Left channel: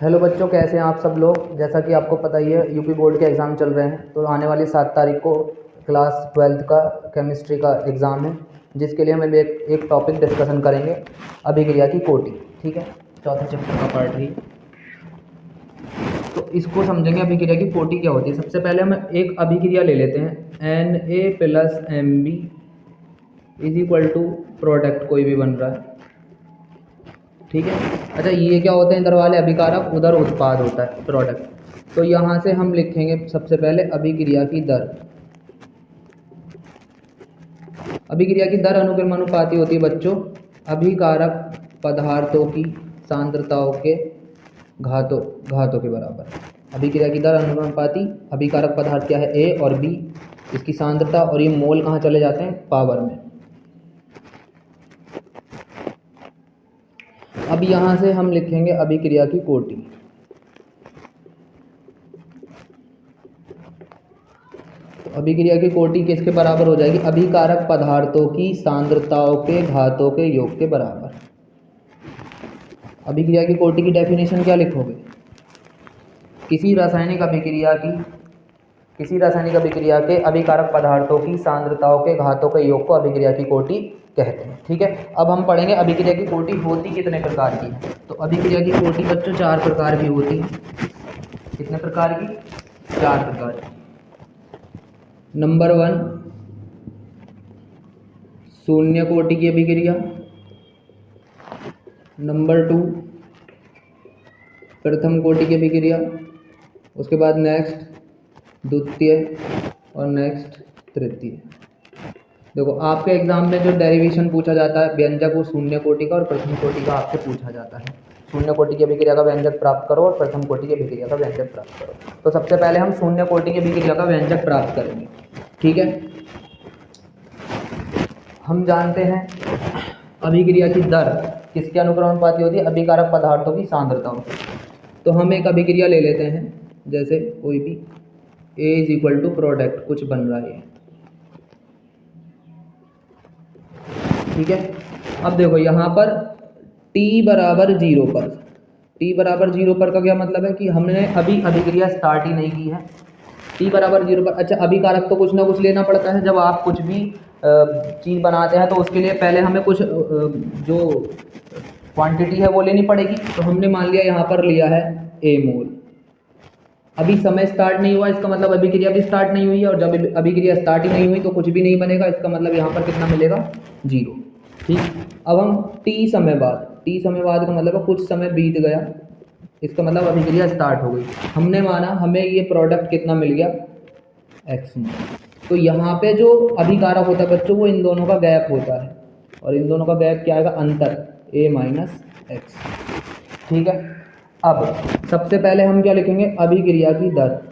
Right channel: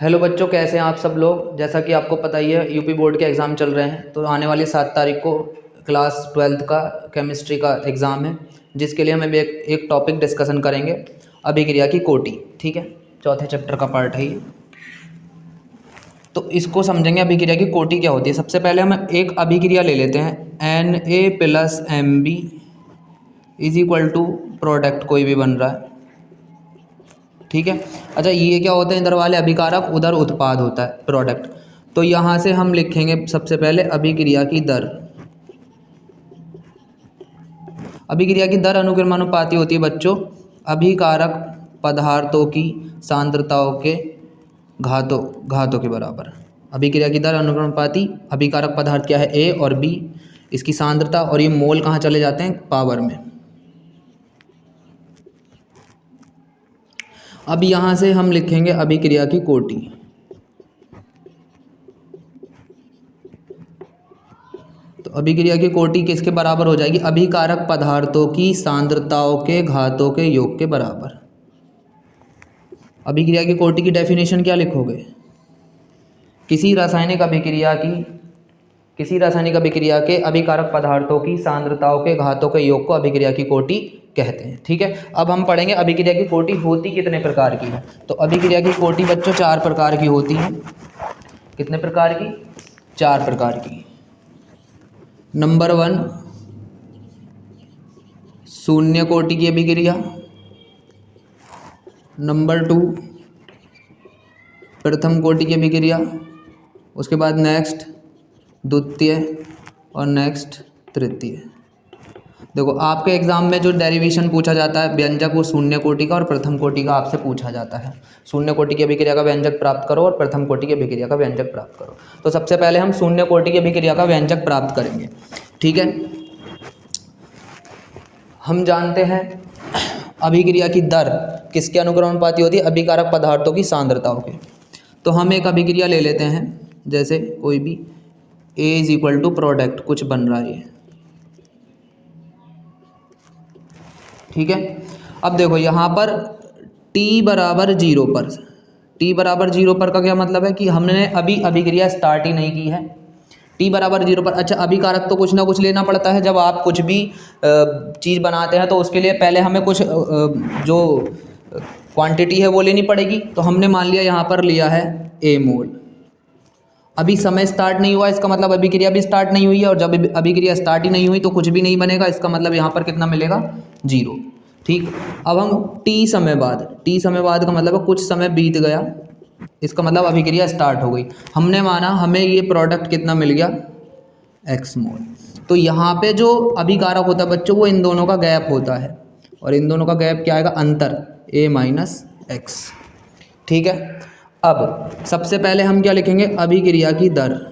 Hello बच्चों, कैसे हैं आप सब लोग। जैसा कि आपको पता ही है यूपी बोर्ड के एग्ज़ाम चल रहे हैं, तो आने वाली 7 तारीख को क्लास 12th का केमिस्ट्री का एग्ज़ाम है, जिसके लिए हम एक टॉपिक डिस्कशन करेंगे, अभिक्रिया की कोटि। ठीक है, चौथे चैप्टर का पार्ट है ये। तो इसको समझेंगे, अभिक्रिया की कोटि क्या होती है। सबसे पहले हम एक अभिक्रिया ले लेते हैं, Na+Mb is equal to product कोई भी बन रहा है। ठीक है, अच्छा ये क्या होते हैं इधर वाले अभिकारक, उधर उत्पाद होता है प्रोडक्ट। तो यहाँ से हम लिखेंगे सबसे पहले अभिक्रिया की दर। अभिक्रिया की दर अनुक्रमानुपाती होती है बच्चों अभिकारक पदार्थों की सांद्रताओं के घातों के बराबर। अभिक्रिया की दर अनुक्रमानुपाती, अभिकारक पदार्थ क्या है ए और बी, इसकी सांद्रता, और ये मोल कहाँ चले जाते हैं पावर में। अब यहाँ से हम लिखेंगे अभिक्रिया की कोटि। तो अभिक्रिया की कोटि किसके बराबर हो जाएगी, अभिकारक पदार्थों की सांद्रताओं के घातों के योग के बराबर। अभिक्रिया की कोटि की डेफिनेशन क्या लिखोगे, किसी रासायनिक अभिक्रिया के अभिकारक पदार्थों की सांद्रताओं के घातों के योग को अभिक्रिया की कोटि कहते हैं। ठीक है, अब हम पढ़ेंगे अभिक्रिया की कोटि होती कितने प्रकार की है। तो अभिक्रिया की कोटि बच्चों 4 प्रकार की होती है। कितने प्रकार की, 4 प्रकार की। नंबर 1 शून्य कोटि की अभिक्रिया। नंबर 2 प्रथम कोटि की अभिक्रिया। उसके बाद नेक्स्ट द्वितीय और नेक्स्ट तृतीय। देखो आपके एग्जाम में जो डेरिवेशन पूछा जाता है व्यंजक, वो शून्य कोटि का और प्रथम कोटि का आपसे पूछा जाता है। शून्य कोटि की अभिक्रिया का व्यंजक प्राप्त करो और प्रथम कोटि की अभिक्रिया का व्यंजक प्राप्त करो। तो सबसे पहले हम शून्य कोटि की अभिक्रिया का व्यंजक प्राप्त करेंगे। ठीक है, हम जानते हैं अभिक्रिया की दर किसके अनुक्रमानुपाती होती है, अभिकारक पदार्थों की सांद्रताओं की। तो हम एक अभिक्रिया ले लेते हैं, जैसे कोई भी A is equal to product कुछ बन रहा है। ठीक है, अब देखो यहाँ पर t बराबर 0 पर, t बराबर 0 पर का क्या मतलब है कि हमने अभी अभिक्रिया स्टार्ट ही नहीं की है। t बराबर 0 पर, अच्छा अभिकारक तो कुछ ना कुछ लेना पड़ता है। जब आप कुछ भी चीज़ बनाते हैं तो उसके लिए पहले हमें कुछ जो क्वांटिटी है वो लेनी पड़ेगी। तो हमने मान लिया यहाँ पर लिया है a मोल। अभी समय स्टार्ट नहीं हुआ, इसका मतलब अभिक्रिया भी स्टार्ट नहीं हुई है, और जब अभिक्रिया स्टार्ट ही नहीं हुई तो कुछ भी नहीं बनेगा। इसका मतलब यहाँ पर कितना मिलेगा, 0। ठीक, अब हम t समय बाद का मतलब है कुछ समय बीत गया, इसका मतलब अभिक्रिया स्टार्ट हो गई। हमने माना हमें ये प्रोडक्ट कितना मिल गया, x मोल। तो यहाँ पे जो अभिकारक होता है बच्चों, वो इन दोनों का गैप होता है, और इन दोनों का गैप क्या आएगा, अंतर A-x। ठीक है, अब सबसे पहले हम क्या लिखेंगे, अभिक्रिया की दर।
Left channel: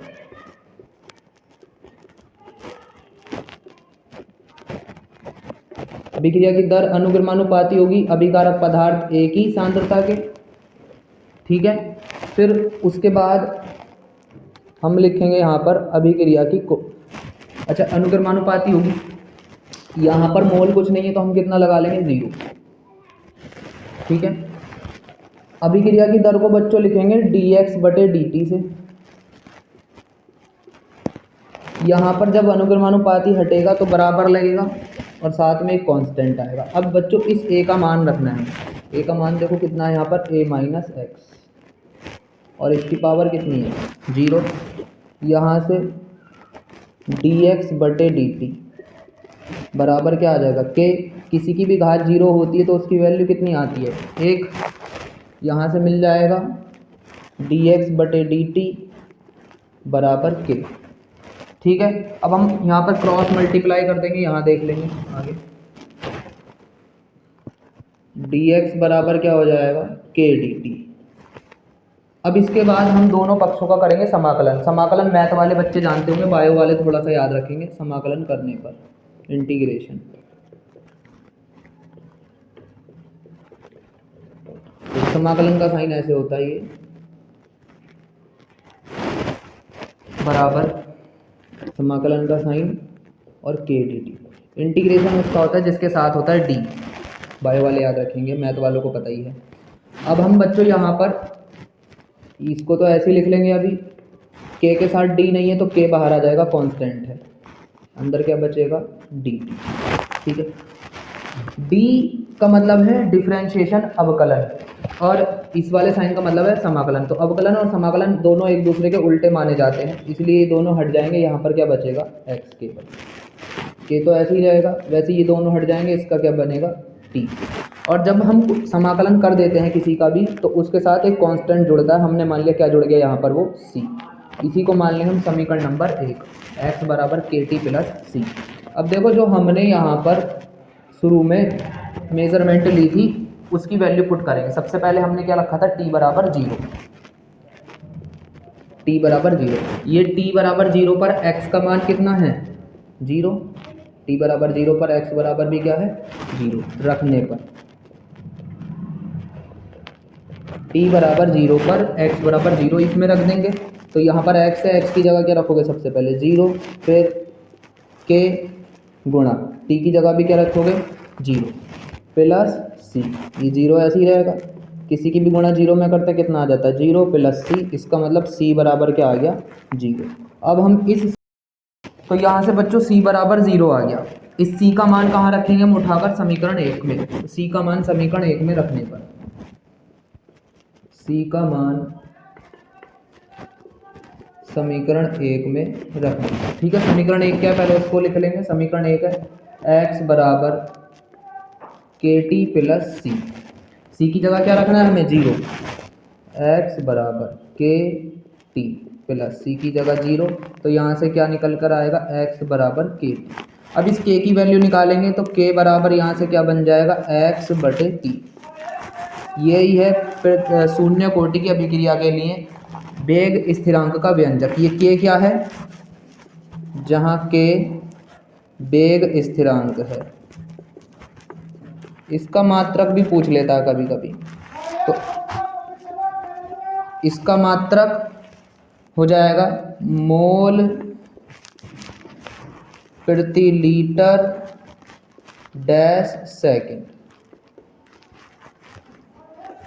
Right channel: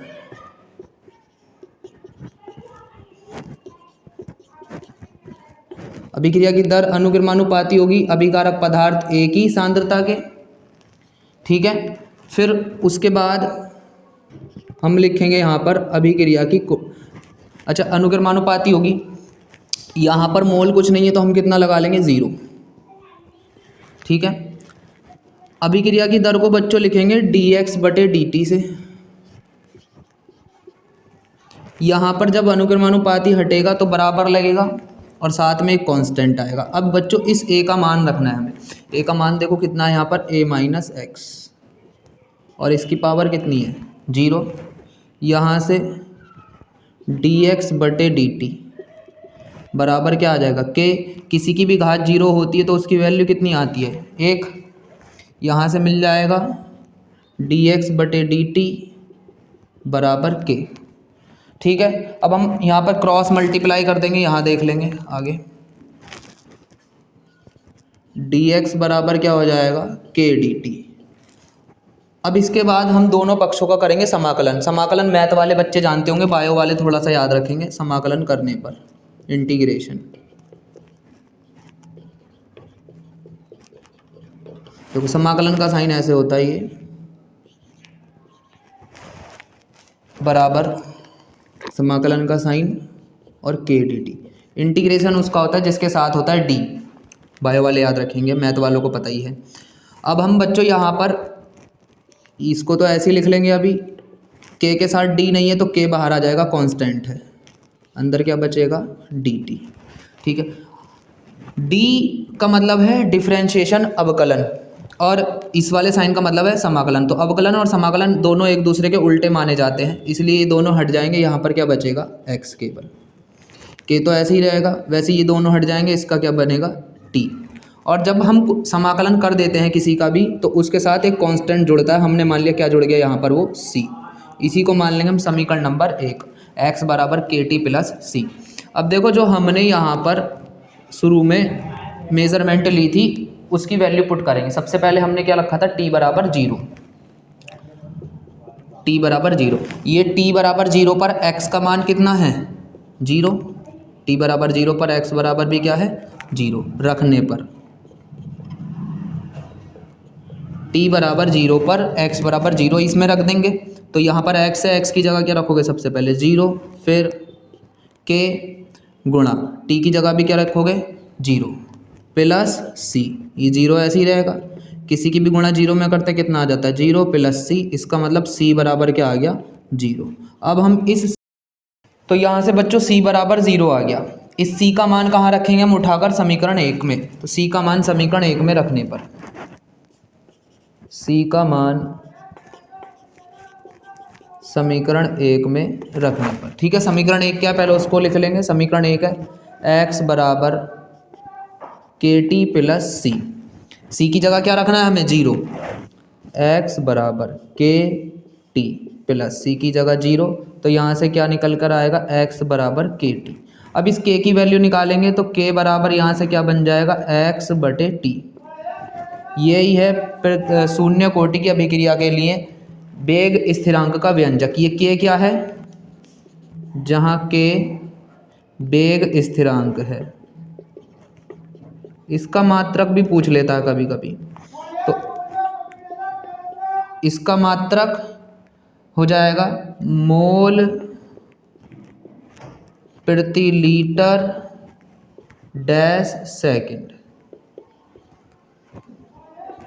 अभिक्रिया की दर अनुक्रमानुपाती होगी अभिकारक पदार्थ A की सांद्रता के। ठीक है, फिर उसके बाद हम लिखेंगे यहाँ पर अभिक्रिया की अच्छा अनुक्रमानुपाती होगी, यहाँ पर मोल कुछ नहीं है तो हम कितना लगा लेंगे, 0। ठीक है, अभिक्रिया की दर को बच्चों लिखेंगे dx/dt से। यहाँ पर जब अनुक्रमानुपाती हटेगा तो बराबर लगेगा और साथ में एक कांस्टेंट आएगा। अब बच्चों इस a का मान रखना है हमें। a का मान देखो कितना है यहाँ पर, A-x, और इसकी पावर कितनी है, 0। यहाँ से dx/dt बराबर क्या आ जाएगा, k। किसी की भी घात 0 होती है तो उसकी वैल्यू कितनी आती है, 1। यहाँ से मिल जाएगा dx/dt बराबर k। ठीक है, अब हम यहाँ पर क्रॉस मल्टीप्लाई कर देंगे, यहाँ देख लेंगे आगे। dx बराबर क्या हो जाएगा, k dt। अब इसके बाद हम दोनों पक्षों का करेंगे समाकलन। समाकलन मैथ वाले बच्चे जानते होंगे, बायो वाले थोड़ा सा याद रखेंगे। समाकलन करने पर इंटीग्रेशन, तो समाकलन का साइन ऐसे होता है, ये बराबर समाकलन का साइन और k dt। इंटीग्रेशन उसका होता है जिसके साथ होता है d, बायो वाले याद रखेंगे, मैथ वालों को पता ही है। अब हम बच्चों यहाँ पर इसको तो ऐसे ही लिख लेंगे अभी, के साथ डी नहीं है तो के बाहर आ जाएगा, कांस्टेंट है, अंदर क्या बचेगा डी टी। ठीक है, डी का मतलब है डिफरेंशिएशन अवकलन, और इस वाले साइन का मतलब है समाकलन। तो अवकलन और समाकलन दोनों एक दूसरे के उल्टे माने जाते हैं, इसलिए ये दोनों हट जाएंगे। यहाँ पर क्या बचेगा एक्स केवल, के तो ऐसे ही रहेगा, वैसे ये दोनों हट जाएंगे, इसका क्या बनेगा टी। और जब हम समाकलन कर देते हैं किसी का भी तो उसके साथ एक कांस्टेंट जुड़ता है, हमने मान लिया क्या जुड़ गया यहाँ पर, वो सी। इसी को मान लेंगे हम समीकरण नंबर 1, एक्स बराबर के टी प्लस सी। अब देखो जो हमने यहाँ पर शुरू में मेजरमेंट ली थी उसकी वैल्यू पुट करेंगे। सबसे पहले हमने क्या रखा था, टी बराबर 0, टी बराबर 0। ये टी बराबर 0 पर एक्स का मान कितना है 0, टी बराबर 0 पर एक्स बराबर भी क्या है 0 रखने पर, टी बराबर 0 पर एक्स बराबर 0 इसमें रख देंगे। तो यहाँ पर एक्स है, एक्स की जगह क्या रखोगे, सबसे पहले 0, फिर के गुणा टी की जगह भी क्या रखोगे 0 प्लस सी, ये 0 ऐसे ही रहेगा। किसी की भी गुणा 0 में करते कितना आ जाता है 0 प्लस सी, इसका मतलब सी बराबर क्या आ गया 0। अब हम इस, तो यहाँ से बच्चों सी बराबर 0 आ गया। इस सी का मान कहाँ रखेंगे हम, उठाकर समीकरण 1 में। तो सी का मान समीकरण 1 में रखने पर, सी का मान समीकरण 1 में रखना। ठीक है, समीकरण 1 क्या है पहले उसको लिख लेंगे। समीकरण 1 है एक्स बराबर के टी प्लस सी, सी की जगह क्या रखना है हमें 0, एक्स बराबर के टी प्लस सी की जगह 0। तो यहाँ से क्या निकल कर आएगा एक्स बराबर के टी। अब इस के की वैल्यू निकालेंगे तो के बराबर यहाँ से क्या बन जाएगा एक्स बटे टी। यही है शून्य कोटि की अभिक्रिया के लिए वेग स्थिरांक का व्यंजक। ये के क्या है, जहाँ के वेग स्थिरांक है, इसका मात्रक भी पूछ लेता है कभी कभी, तो इसका मात्रक हो जाएगा मोल प्रति लीटर डैश सेकंड,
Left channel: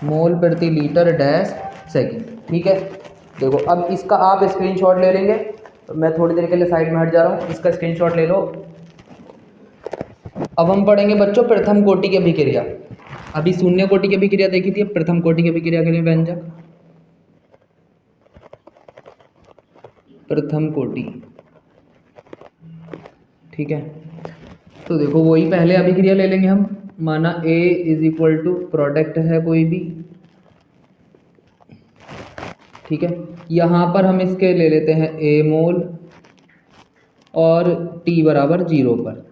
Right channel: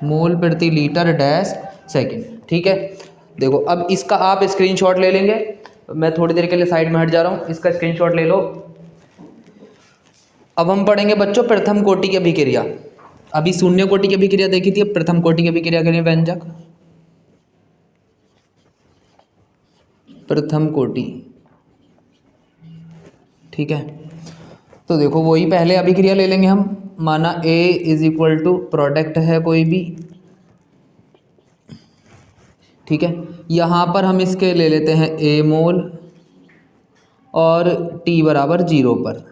मोल प्रति लीटर डैश सेकंड। ठीक है, देखो अब इसका आप स्क्रीनशॉट ले लेंगे। मैं थोड़ी देर के लिए साइड में हट जा रहा हूँ, इसका स्क्रीनशॉट ले लो। अब हम पढ़ेंगे बच्चों प्रथम कोटि की अभिक्रिया। अभी शून्य कोटि की अभिक्रिया देखी थी, प्रथम कोटि की अभिक्रिया के लिए व्यंजक प्रथम कोटि। ठीक है, तो देखो वही पहले अभिक्रिया ले लेंगे हम। माना A is equal to product है कोई भी, ठीक है। यहाँ पर हम इसके ले लेते हैं A मोल और T बराबर 0 पर,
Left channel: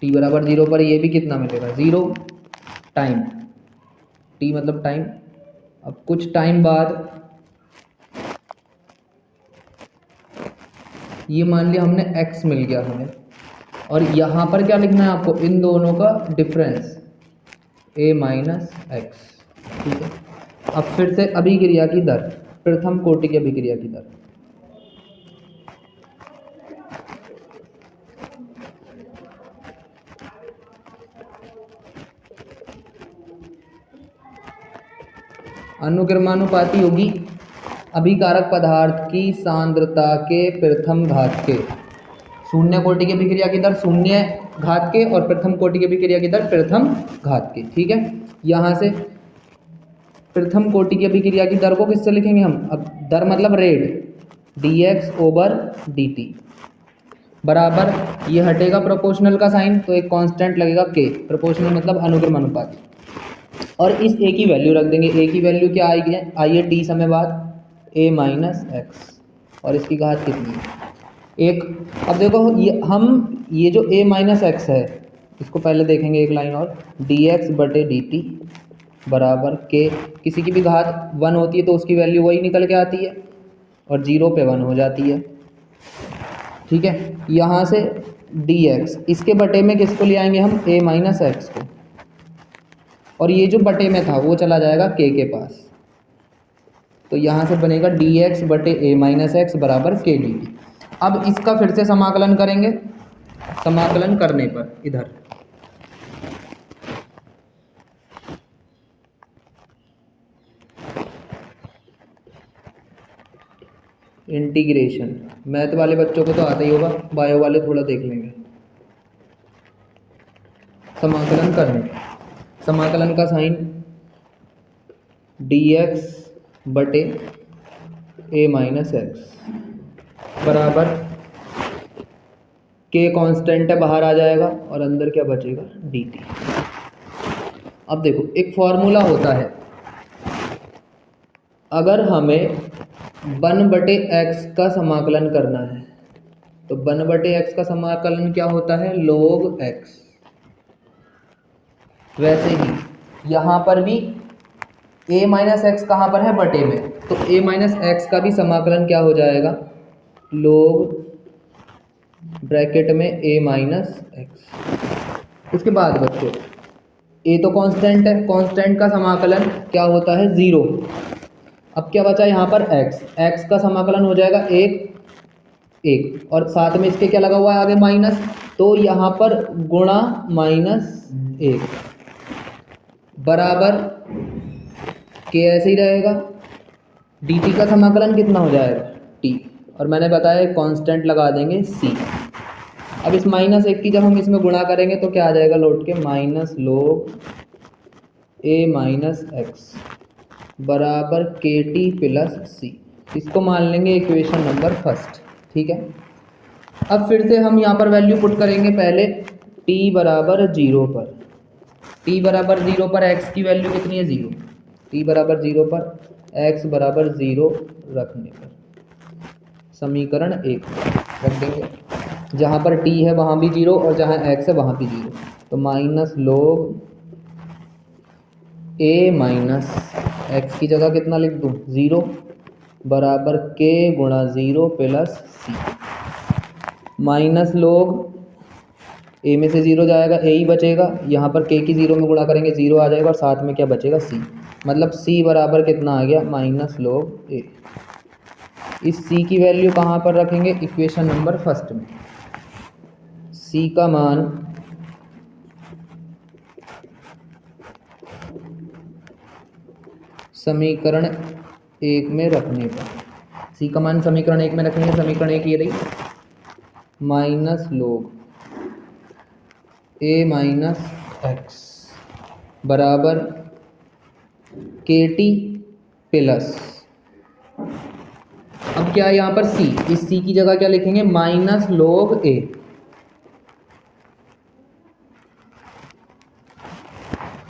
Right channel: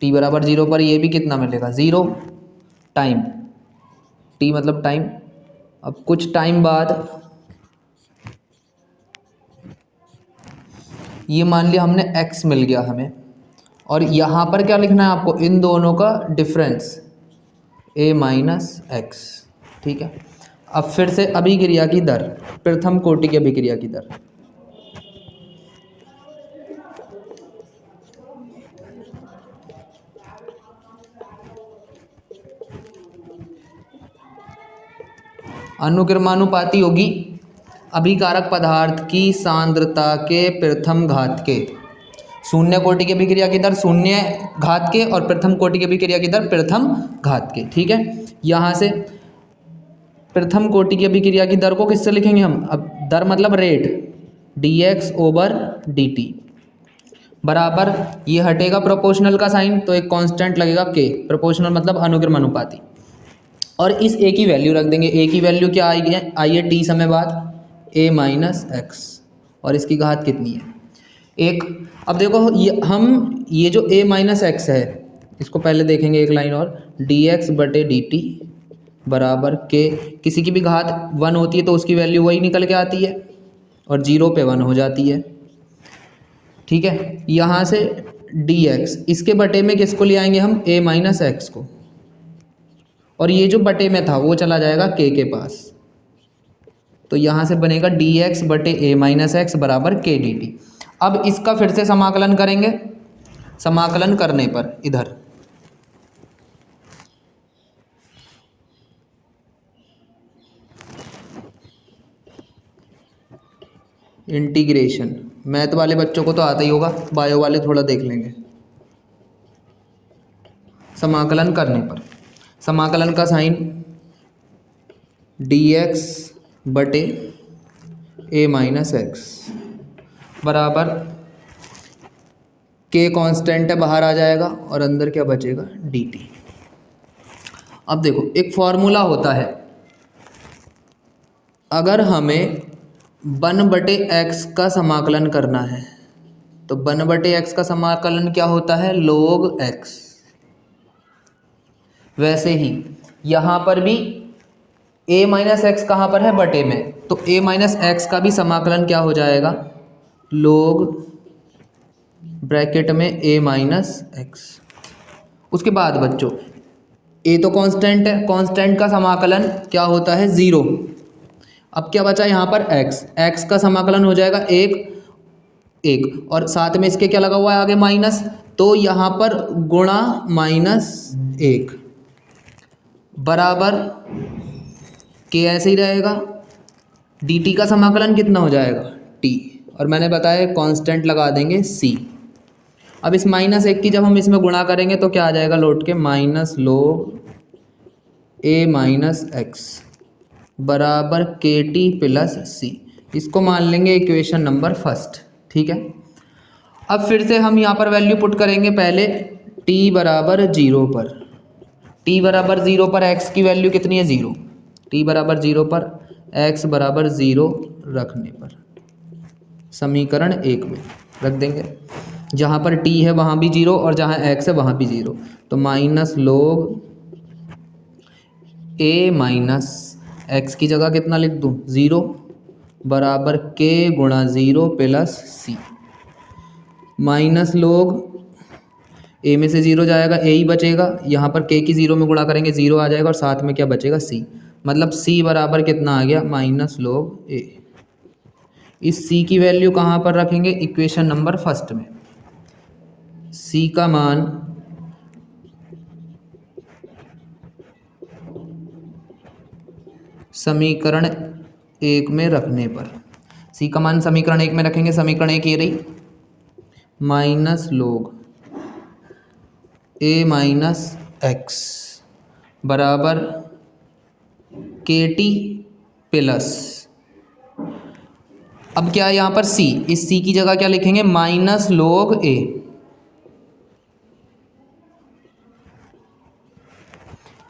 T बराबर 0 पर ये भी कितना मिलेगा 0 टाइम, T मतलब टाइम। अब कुछ टाइम बाद ये मान लिया हमने x मिल गया हमें, और यहाँ पर क्या लिखना है आपको, इन दोनों का डिफरेंस a माइनस एक्स। ठीक है, अब फिर से अभिक्रिया की दर, प्रथम कोटि की अभिक्रिया की दर। अनुक्रमानुपाती होगी अभिकारक पदार्थ की सांद्रता के प्रथम घात के। शून्य कोटि की अभिक्रिया की दर शून्य घात के और प्रथम कोटि की अभिक्रिया की दर प्रथम घात के। ठीक है, यहाँ से प्रथम कोटि की अभिक्रिया की दर को किससे लिखेंगे हम, अब दर मतलब रेट, dx ओवर dt बराबर, ये हटेगा प्रोपोर्शनल का साइन तो एक कांस्टेंट लगेगा k, प्रोपोर्शनल मतलब अनुक्रमानुपाती, और इस a की वैल्यू रख देंगे। a की वैल्यू क्या आएगी, आइए t समय बाद a माइनस एक्स, और इसकी घात कितनी है एक। अब देखो ये जो a माइनस एक्स है इसको पहले देखेंगे एक लाइन और, dx बटे dt बराबर के, किसी की भी घात 1 होती है तो उसकी वैल्यू वही निकल के आती है और 0 पे 1 हो जाती है। ठीक है, यहाँ से dx, इसके बटे में किसको ले आएंगे हम, a माइनस एक्स को, और ये जो बटे में था वो चला जाएगा k के पास, तो यहाँ से बनेगा dx बटे a माइनस एक्स बराबर k dt। अब इसका फिर से समाकलन करेंगे, समाकलन करने पर इधर इंटीग्रेशन, मैथ वाले बच्चों को तो आता ही होगा, बायो वाले थोड़ा देख लेंगे। समाकलन करने पर समाकलन का साइन dx बटे a माइनस एक्स बराबर k कांस्टेंट है, बाहर आ जाएगा और अंदर क्या बचेगा dt। अब देखो एक फॉर्मूला होता है, अगर हमें 1/x का समाकलन करना है तो 1/x का समाकलन क्या होता है, log x। वैसे ही यहाँ पर भी a माइनस एक्स कहाँ पर है, बटे में, तो a माइनस एक्स का भी समाकलन क्या हो जाएगा, log ब्रैकेट में a माइनस एक्स। उसके बाद बच्चों a तो कांस्टेंट है, कांस्टेंट का समाकलन क्या होता है, 0। अब क्या बचा यहाँ पर x का समाकलन हो जाएगा 1 और साथ में इसके क्या लगा हुआ है आगे माइनस, तो यहाँ पर गुणा -1 बराबर के ऐसे ही रहेगा। dt का समाकलन कितना हो जाएगा t, और मैंने बताया कांस्टेंट लगा देंगे c। अब इस -1 की जब हम इसमें गुणा करेंगे तो क्या आ जाएगा लौट के, minus log a minus x बराबर के टी प्लस सी। इसको मान लेंगे इक्वेशन नंबर फर्स्ट। ठीक है, अब फिर से हम यहाँ पर वैल्यू पुट करेंगे, पहले t बराबर 0 पर, t बराबर 0 पर x की वैल्यू कितनी है, 0। t बराबर 0 पर x बराबर 0 रखने पर समीकरण 1 में रख देंगे, जहाँ पर t है वहाँ भी 0 और जहाँ x है वहाँ भी 0, तो minus log a minus x की जगह कितना लिख दूँ, 0 बराबर k गुणा 0 plus C. Minus log a में से 0 जाएगा, a ही बचेगा, यहाँ पर k की 0 में गुणा करेंगे 0 आ जाएगा और साथ में क्या बचेगा c, मतलब c बराबर कितना आ गया, माइनस log a। इस c की वैल्यू कहाँ पर रखेंगे, इक्वेशन नंबर फर्स्ट में। c का मान समीकरण 1 में रखने पर, c का मान समीकरण 1 में रखेंगे, समीकरण 1 ये रही, minus log a minus x बराबर के टी प्लस, अब क्या है यहाँ पर c, इस c की जगह क्या लिखेंगे, माइनस log a।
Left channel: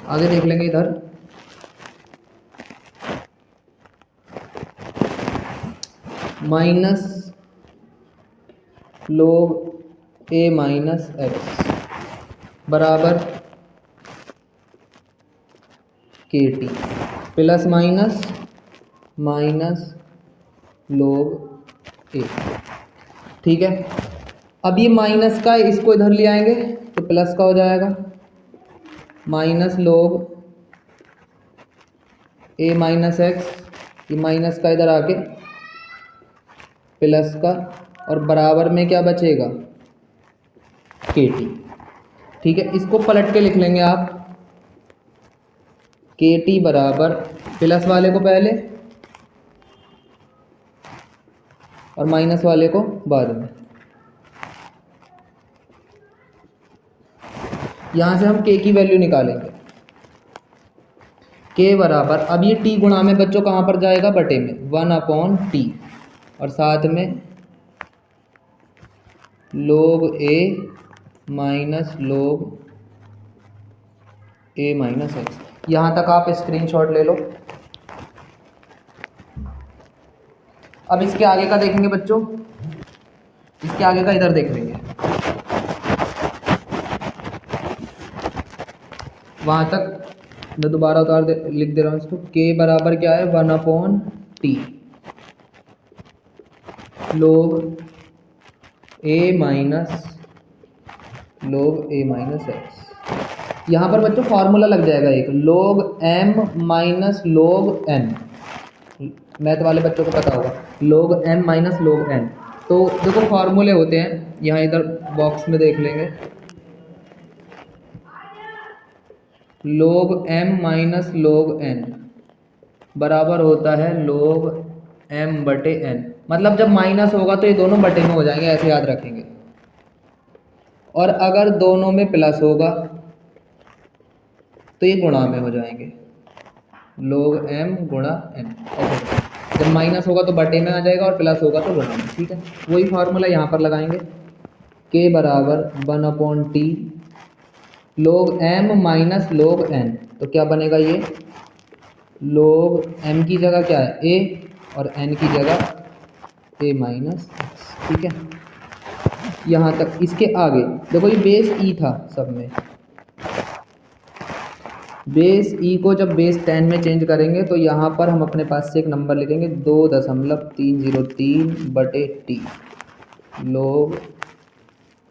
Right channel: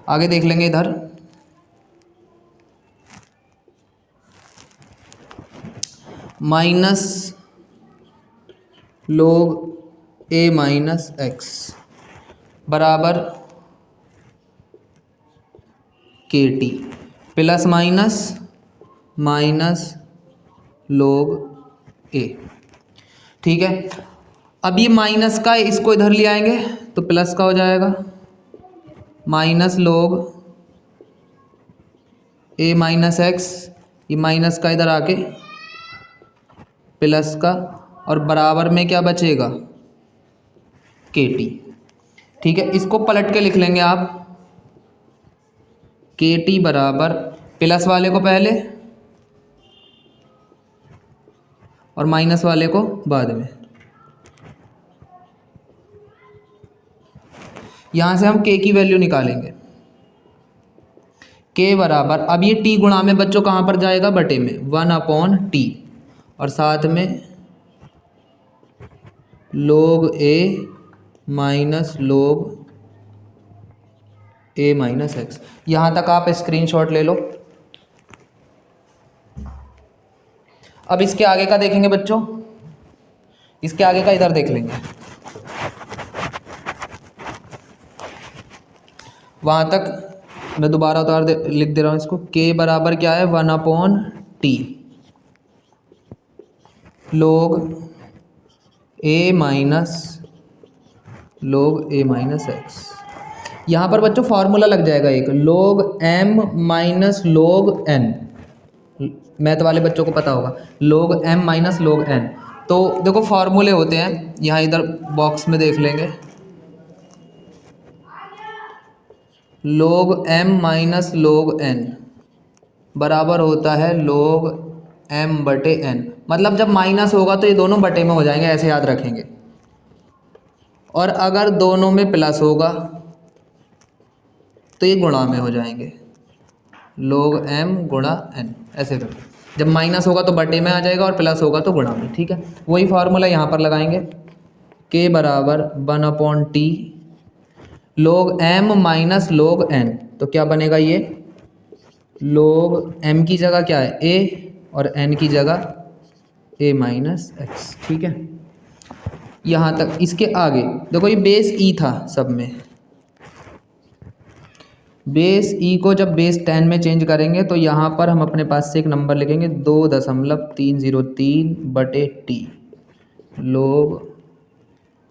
आगे देख लेंगे इधर, minus log a minus x बराबर के T plus minus log a। ठीक है, अब ये माइनस का इसको इधर ले आएंगे तो प्लस का हो जाएगा, minus log a minus x, ये माइनस का इधर आके प्लस का, और बराबर में क्या बचेगा, के टी। ठीक है, इसको पलट के लिख लेंगे आप, के टी बराबर प्लस वाले को पहले और माइनस वाले को बाद में। यहाँ से हम k की वैल्यू निकालेंगे, k बराबर, अब ये t गुणा में बच्चों कहाँ पर जाएगा, बटे में, 1/t और साथ में log a minus log a minus x. यहाँ तक आप स्क्रीनशॉट ले लो। अब इसके आगे का देखेंगे बच्चों, इसके आगे का इधर देख लेंगे, वहाँ तक मैं दोबारा लिख दे रहा हूँ इसको, k बराबर क्या है, 1/t log a minus x. यहाँ पर बच्चों फॉर्मूला लग जाएगा एक, log m minus log n, math वाले बच्चों को पता होगा, log m minus log n। तो देखो फॉर्मूले होते हैं, यहाँ इधर बॉक्स में देख लेंगे, log m minus log n बराबर होता है log m बटे n, मतलब जब माइनस होगा तो ये दोनों बटे में हो जाएंगे, ऐसे याद रखेंगे। और अगर दोनों में प्लस होगा तो ये गुणा में हो जाएंगे, log m गुणा n, ऐसे होगा। जब माइनस होगा तो बटे में आ जाएगा और प्लस होगा तो गुणा में, ठीक है। वही फार्मूला यहाँ पर लगाएंगे, k बराबर 1/t log m minus log n, तो क्या बनेगा ये, log m की जगह क्या है a और n की जगह a माइनस x, ठीक है। यहाँ तक। इसके आगे देखो ये बेस e था सब में, बेस ई को जब बेस 10 में चेंज करेंगे तो यहाँ पर हम अपने पास से एक नंबर लिखेंगे 2.303 बटे T log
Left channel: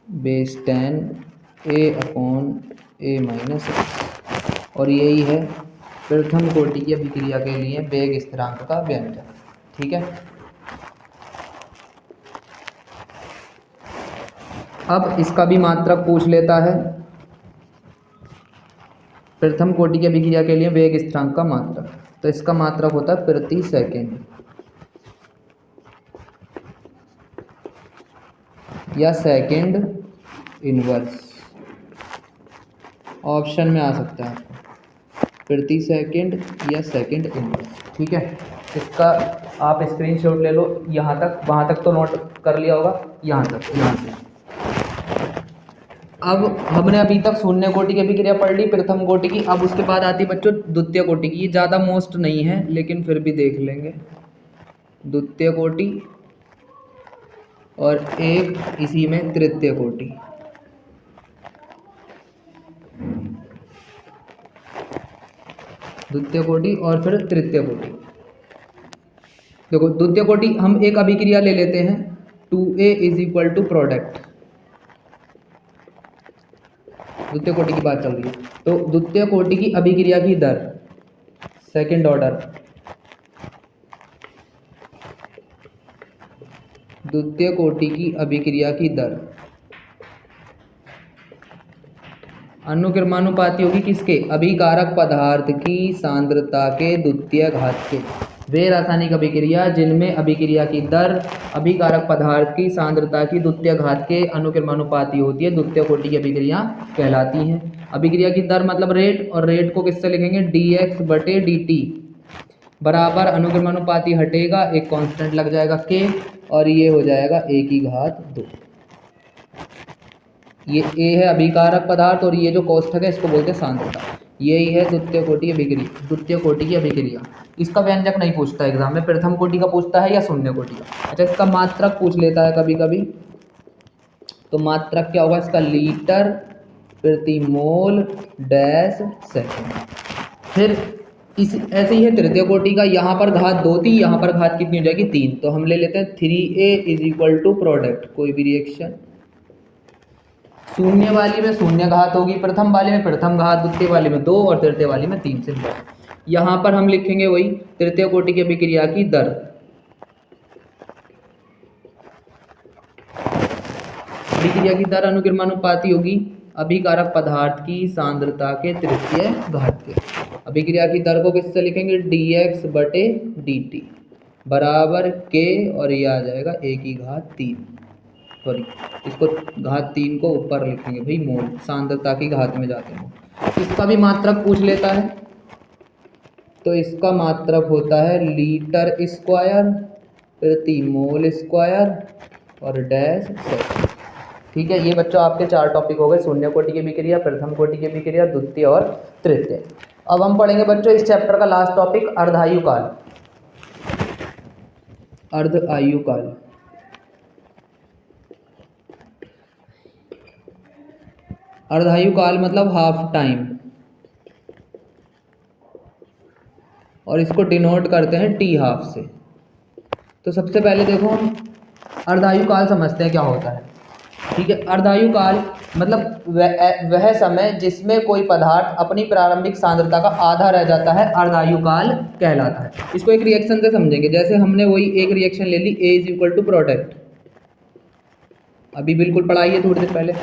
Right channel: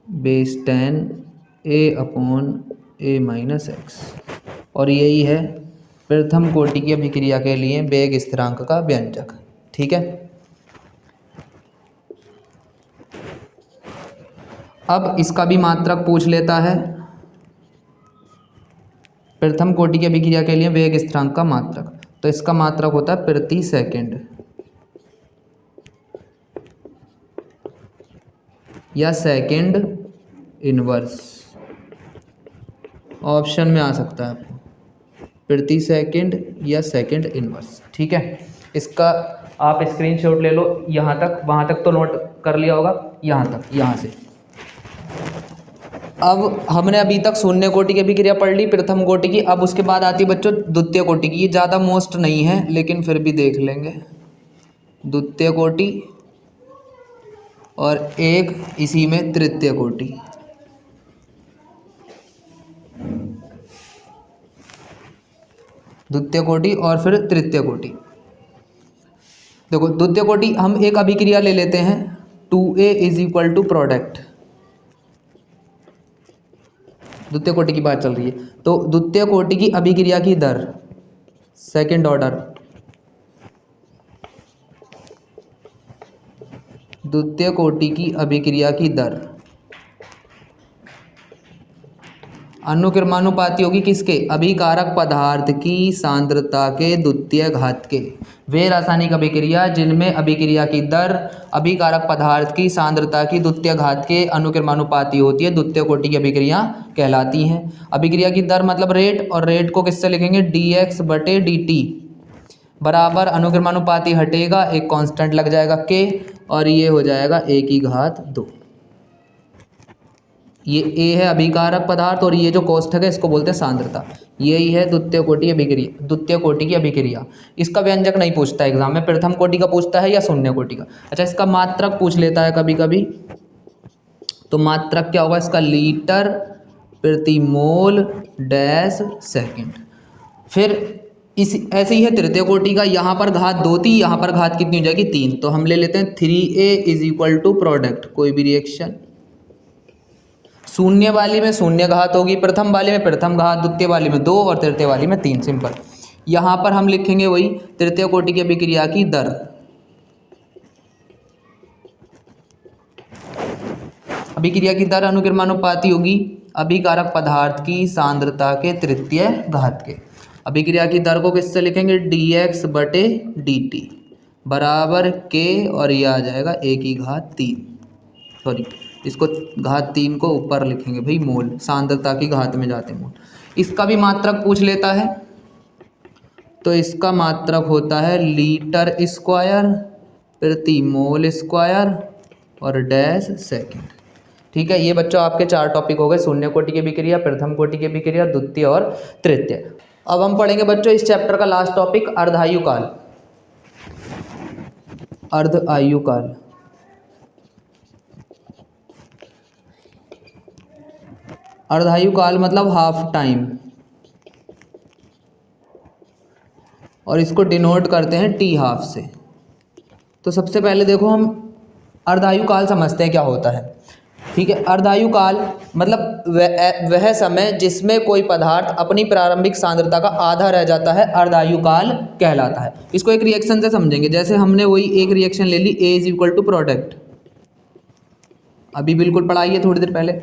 base 10 a/a minus x. और यही है प्रथम कोटि की अभिक्रिया के लिए वेग स्थिरांक का व्यंजक, ठीक है। अब इसका भी मात्रक पूछ लेता है, प्रथम कोटि की अभिक्रिया के लिए वेग स्थिरांक का मात्रक, तो इसका मात्रक होता है प्रति सेकंड या सेकंड इनवर्स, ऑप्शन में आ सकता है प्रति सेकंड या सेकंड इनवर्स, ठीक है। इसका आप स्क्रीनशॉट ले लो, यहाँ तक, वहाँ तक तो नोट कर लिया होगा, यहाँ तक, यहाँ से। अब हमने अभी तक शून्य कोटि की अभिक्रिया पढ़ ली, प्रथम कोटि की। अब उसके बाद आती है बच्चों द्वितीय कोटि की। ये ज़्यादा मोस्ट नहीं है लेकिन फिर भी देख लेंगे। द्वितीय कोटि और एक इसी में तृतीय कोटि। द्वितीय कोटि और फिर तृतीय कोटि। देखो द्वितीय कोटि हम एक अभिक्रिया ले लेते हैं 2a = प्रोडक्ट, द्वितीय कोटि की बात चल रही है। तो द्वितीय कोटि की अभिक्रिया की दर सेकंड ऑर्डर, द्वितीय कोटि की अभिक्रिया की दर अनुक्रमानुपाती होगी किसके, अभिकारक पदार्थ की सांद्रता के द्वितीय घात के। वे रासायनिक अभिक्रिया जिनमें अभिक्रिया की दर अभिकारक पदार्थ की सांद्रता की द्वितीय घात के अनुक्रमानुपाती होती है, द्वितीय कोटि की अभिक्रिया कहलाती हैं। अभिक्रिया की दर मतलब रेट, और रेट को किससे लिखेंगे, dx/dt बराबर अनुक्रमानुपाती हटेगा, एक कांस्टेंट लग जाएगा k, और ये हो जाएगा a⁻²। ये a है अभिकारक पदार्थ और ये जो कोष्ठक है इसको बोलते हैं सांद्रता। यही है द्वितीय कोटि अभिक्रिया, द्वितीय कोटि की अभिक्रिया। इसका व्यंजक नहीं पूछता एग्जाम में, प्रथम कोटि का पूछता है या शून्य कोटि का। अच्छा इसका मात्रक पूछ लेता है कभी कभी, तो मात्रक क्या होगा इसका, लीटर प्रति मोल डैश सेकेंड। फिर इस ऐसे ही है तृतीय कोटि का, यहाँ पर घात 2 थी, यहाँ पर घात कितनी हो जाएगी 3, तो हम ले लेते हैं 3a = प्रोडक्ट, कोई भी रिएक्शन। शून्य वाली में शून्य घात होगी, प्रथम वाले में प्रथम घात, द्वितीय वाली में 2 और तृतीय वाली में 3, सिंपल। यहाँ पर हम लिखेंगे वही तृतीय कोटि की अभिक्रिया की दर, अभिक्रिया की दर अनुक्रमानुपाती होगी अभिकारक पदार्थ की सांद्रता के तृतीय घात के। अभिक्रिया की दर को किससे लिखेंगे, dx/dt बराबर k, और यह आ जाएगा a⁻3, सॉरी इसको घात 3 को ऊपर लिखेंगे भाई, मोल, सांद्रता की घात में जाते हैं मोल। इसका भी मात्रक पूछ लेता है, तो इसका मात्रक होता है लीटर स्क्वायर प्रति मोल स्क्वायर और डैश सेकंड, ठीक है। ये बच्चों आपके 4 टॉपिक हो गए, शून्य कोटि की अभिक्रिया, प्रथम कोटि की अभिक्रिया, द्वितीय और तृतीय। अब हम पढ़ेंगे बच्चों इस चैप्टर का लास्ट टॉपिक, अर्धायुकाल। अर्धायुकाल, अर्धायुकाल मतलब हाफ टाइम, और इसको डिनोट करते हैं t½ से। तो सबसे पहले देखो हम अर्धायुकाल समझते हैं क्या होता है, ठीक है। अर्धायुकाल मतलब वह समय जिसमें कोई पदार्थ अपनी प्रारंभिक सांद्रता का आधा रह जाता है, अर्धायुकाल कहलाता है। इसको एक रिएक्शन से समझेंगे, जैसे हमने वही एक रिएक्शन ले ली a = प्रोडक्ट, अभी बिल्कुल पढ़ाई है थोड़ी देर पहले।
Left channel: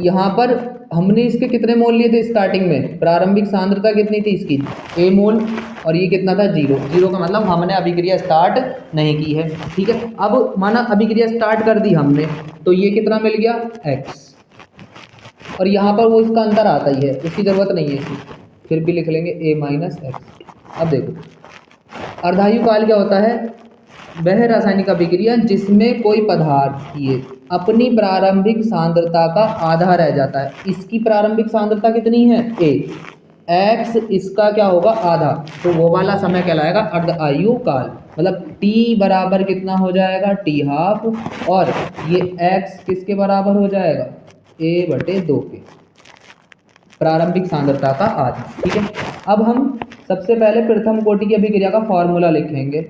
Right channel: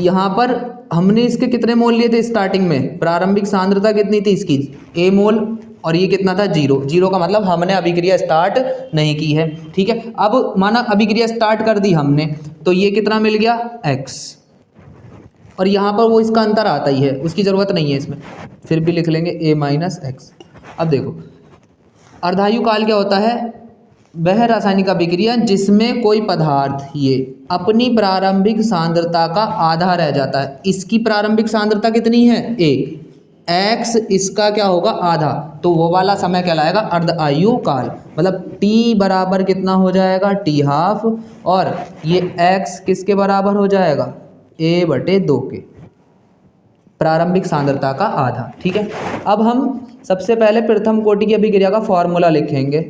यहाँ पर हमने इसके कितने मोल लिए थे स्टार्टिंग में, प्रारंभिक सांद्रता कितनी थी इसकी, A मोल, और ये कितना था 0। 0 का मतलब हमने अभिक्रिया स्टार्ट नहीं की है, ठीक है। अब माना अभिक्रिया स्टार्ट कर दी हमने, तो ये कितना मिल गया x, और यहाँ पर वो इसका अंतर आता ही है, उसकी ज़रूरत नहीं है इसमें, फिर भी लिख लेंगे a माइनस एक्स। अब देखो अर्धायु काल क्या होता है, वह रासायनिक अभिक्रिया जिसमें कोई पदार्थ ये अपनी प्रारंभिक सांद्रता का आधा रह जाता है। इसकी प्रारंभिक सांद्रता कितनी है a, x इसका क्या होगा आधा, तो वो वाला समय कहलाएगा अर्धायु काल। मतलब t बराबर कितना हो जाएगा t हाफ, और ये x किसके बराबर हो जाएगा a/2 के, प्रारंभिक सांद्रता का आधा, ठीक है। अब हम सबसे पहले प्रथम कोटि की अभिक्रिया का फॉर्मूला लिखेंगे।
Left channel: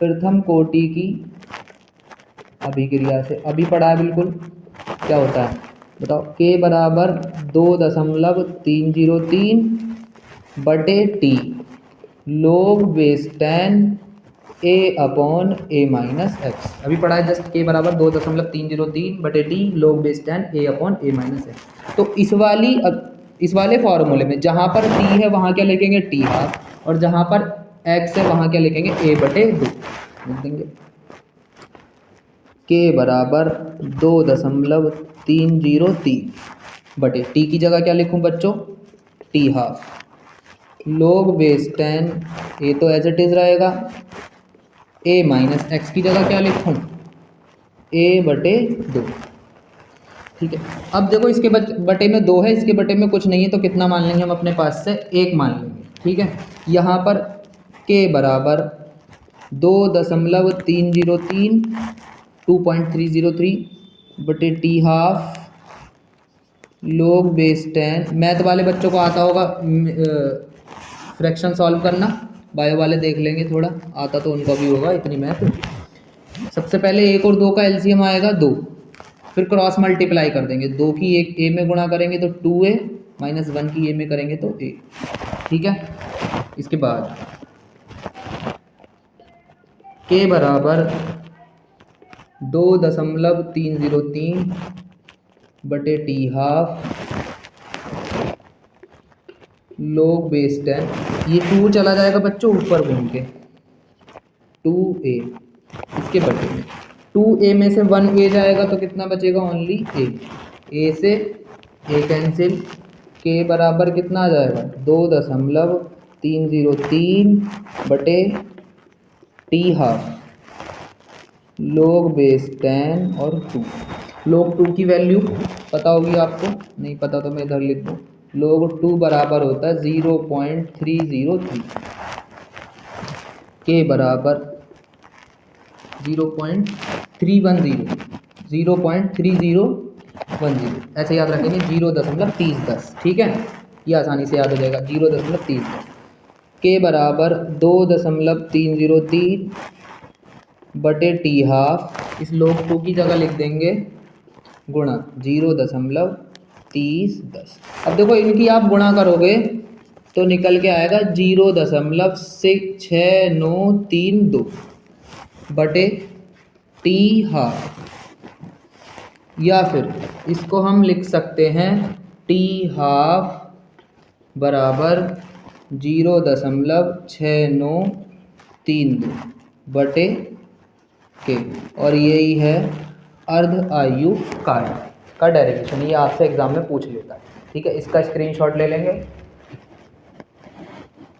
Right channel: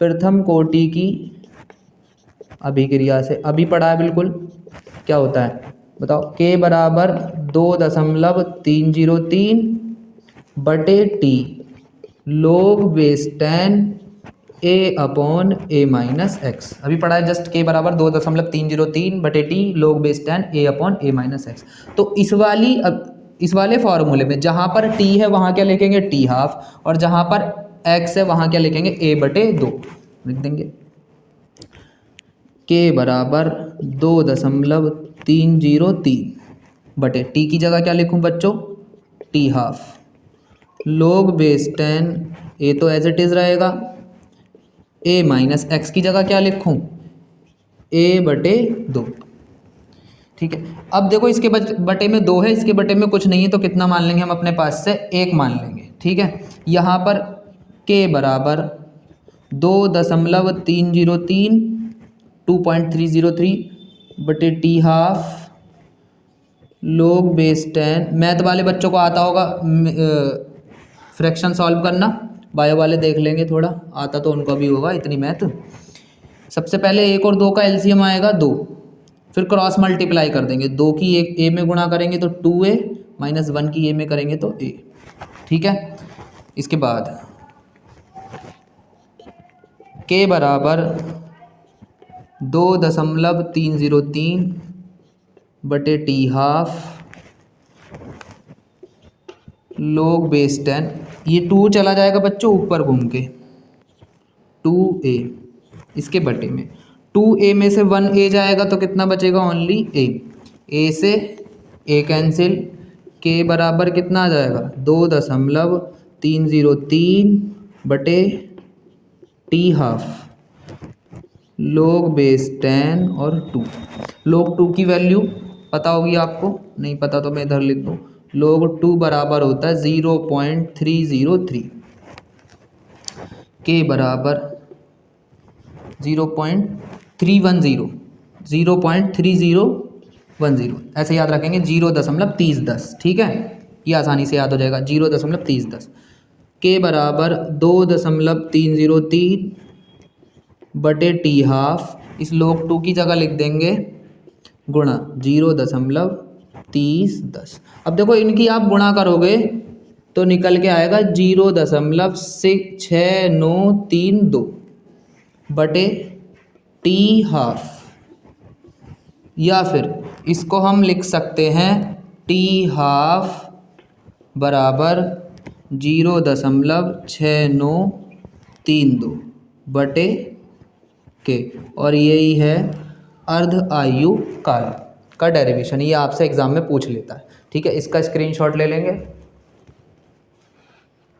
प्रथम कोटि की अभिक्रिया से अभी पढ़ा है बिल्कुल, क्या होता है बताओ, k बराबर 2.303 बटे T log base 10 a/a minus x. अभी पढ़ा है जस्ट, k बराबर 2.303 बटे T log base 10 a/a minus x. तो इस वाले फॉर्मूले में जहाँ पर t है वहाँ क्या लिखेंगे t हाफ, और जहाँ पर x है वहाँ क्या लिखेंगे a/2 लिख देंगे। k बराबर 2.303 बटे टी की जगह क्या लिखूं बच्चों t half, log base 10 a तो एज इट इज रहेगा, a माइनस एक्स की जगह क्या लिखूं a/2, ठीक है। अब देखो इसके बटे में 2 है, इसके बटे में कुछ नहीं है, तो कितना मान लेंगे हम अपने पास से 1 मान लेंगे, ठीक है। यहाँ पर k बराबर 2.303 2.303 बटे T half log base 10, math वाले बच्चों को आता होगा फ्रैक्शन सॉल्व करना, बायो वाले देख लेंगे, थोड़ा आता तो उनका भी होगा इतनी मैथ। सबसे पहले 1 और 2 का एलसीएम आएगा 2, फिर क्रॉस मल्टीप्लाई कर देंगे, 2 की एक a में गुणा करेंगे तो 2a माइनस 1 की a में करेंगे तो a, ठीक है। इसके बाद k बराबर 2.303 बटे टी हाफ log बेस 10, ये 2 चला जाएगा बच्चों ऊपर घूम के 2a, इसके बटे में 2a में से 1a जाएगा तो कितना बचेगा ओनली a से a कैंसिल, k बराबर कितना आ जाएगा 2.303 बटे टी हाफ log बेस 10 और 2। log 2 की वैल्यू पता होगी आपको, नहीं पता तो मैं इधर लिख दूँ, log 2 बराबर होता है 0.303, k बराबर 0.3010, ऐसे याद रखेंगे 0.3010, ठीक है, ये आसानी से याद हो जाएगा 0.3010। k बराबर 2.303 बटे टी हाफ, इस log 2 की जगह लिख देंगे गुणा 0.3010। अब देखो इनकी आप गुणा करोगे तो निकल के आएगा 0.6932 बटे टी हाफ, या फिर इसको हम लिख सकते हैं टी हाफ बराबर 0.6932 बटे के, और यही है अर्ध आयु काल का डेरिवेशन, ये आपसे एग्जाम में पूछ लेता है, ठीक है। इसका स्क्रीनशॉट ले लेंगे।